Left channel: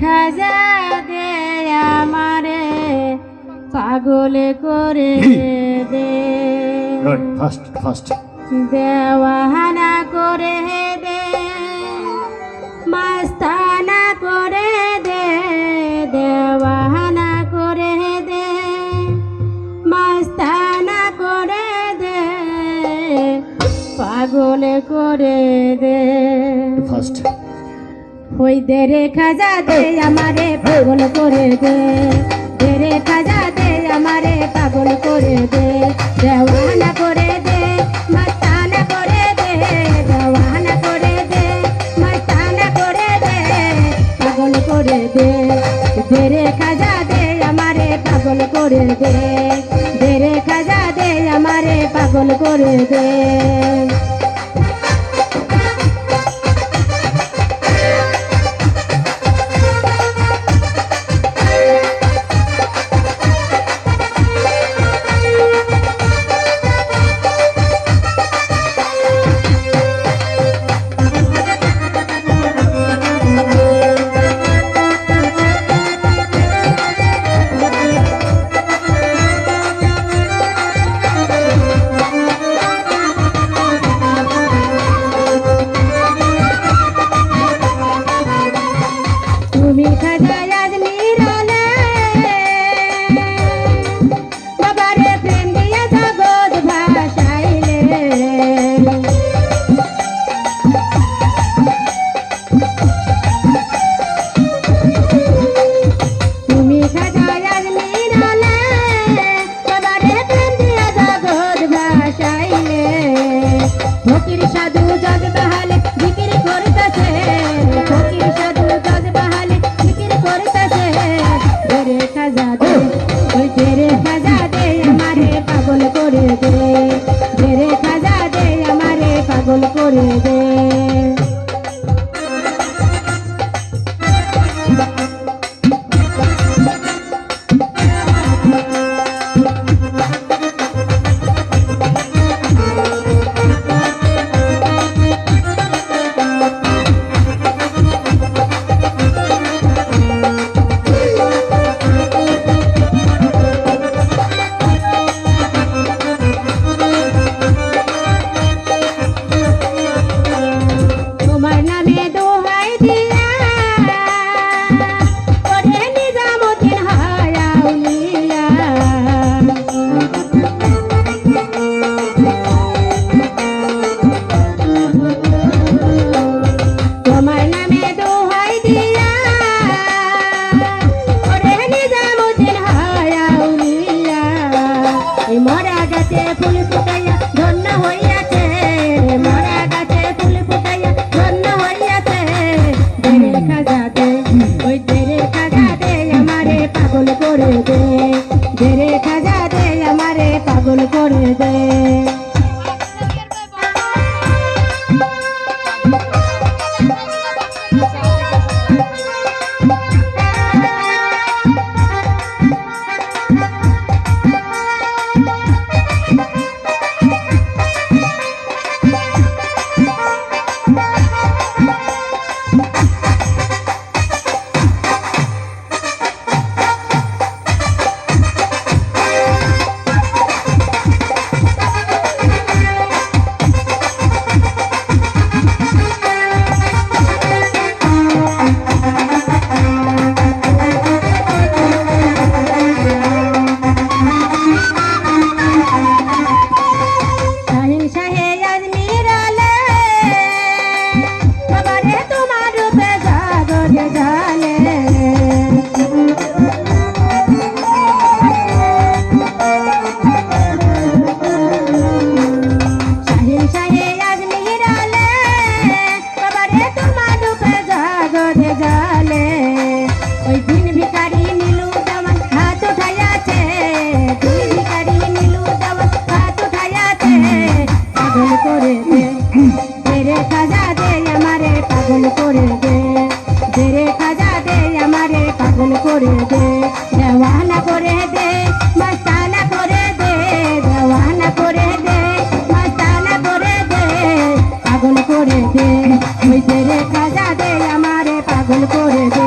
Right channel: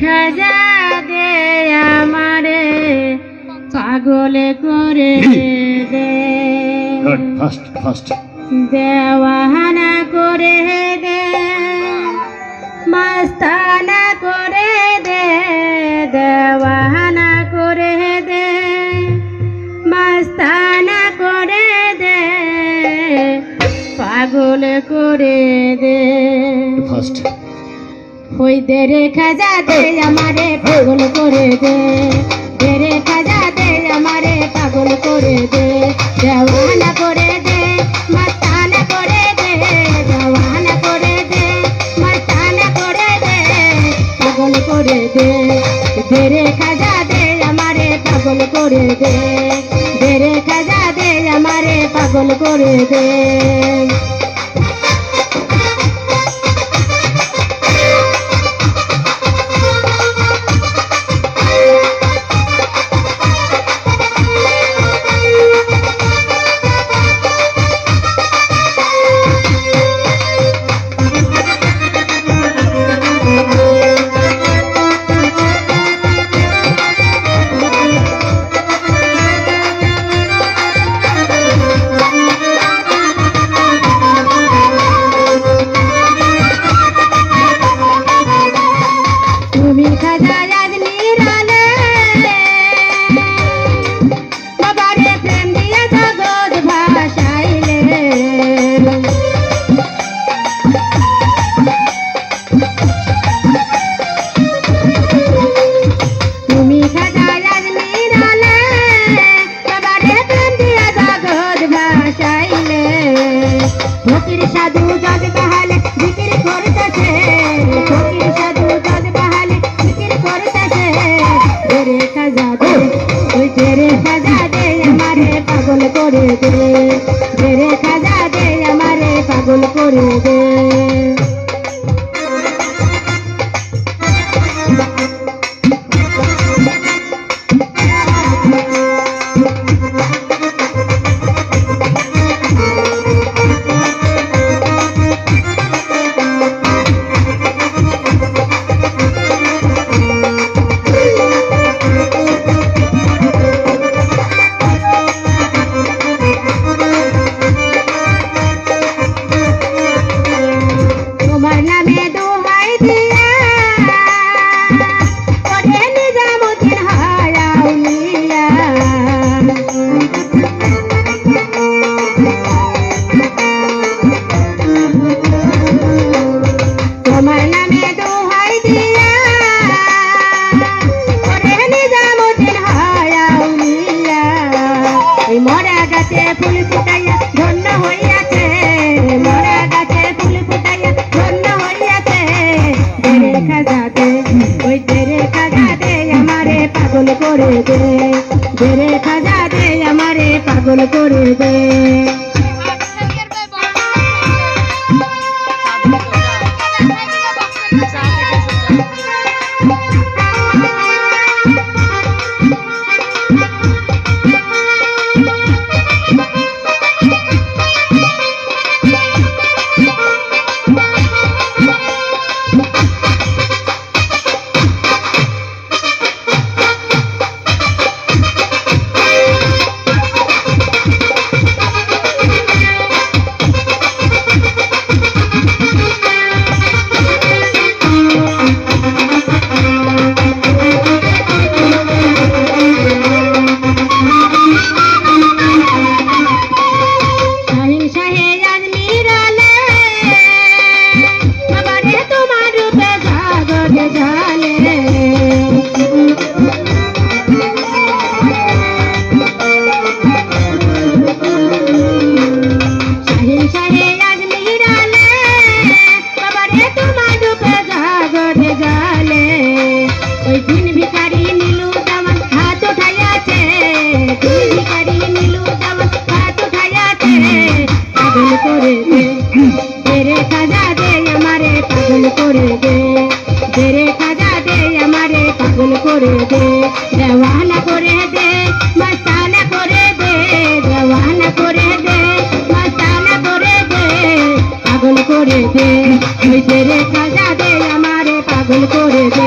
খাজা দে আমারে পাগল করে দে, দেওয়ানা করে দে, মাস্তানা করে দে, দেওয়ানা করে দে, মাস্তানা করে দে, পাগল করে দে। ওই দে রে খাজা দে আমারে পাগল করে দে, দে রে খাজা দে আমারে পাগল করে দে, দেওয়ানা করে দে, মাস্তানা করে দে, দেওয়ানা করে দে, মাস্তানা করে দে, পাগল করে দে, দে রে খাজা দে আমারে পাগল করে দে, দে রে খাজা দে আমারে পাগল করে দে। তুমি খাজা আজমিরালে বাবারে প্রেম দিয়ে জগৎ ভাসাইলে, তুমি খাজা আজমিরালে বাবারে প্রেম দিয়ে জগৎ ভাসাইলে, ফকির সাধু জজ বাহালে জিকির করতেছে, ফকির সাধু জজ বাহালে জিকির করতেছে, দে রে খাজা দে, ওই দে রে খাজা দে আমারে পাগল করে দে, দে রে খাজা দে আমারে পাগল করে দে। তোমার নামে দোহাই দিয়া ওরে নিজামুদ্দিন হয় আউলিয়া, তোমার নামে দোহাই দিয়া ওরে নিজামুদ্দিন হয় আউলিয়া, এই মরা গাছে ফুল ফুটাইয়া ধন্য হইয়াছে, মরা গাছে ফুল ফুটাইয়া ধন্য হইয়াছে, দে রে খাজা দে, ওই দে রে খাজা দে আমারে পাগল করে দে, দে রে খাজা দে আমারে পাগল করে দে। করে দে, ওই তেরে খাজা দে আমারে। পাগল করে দে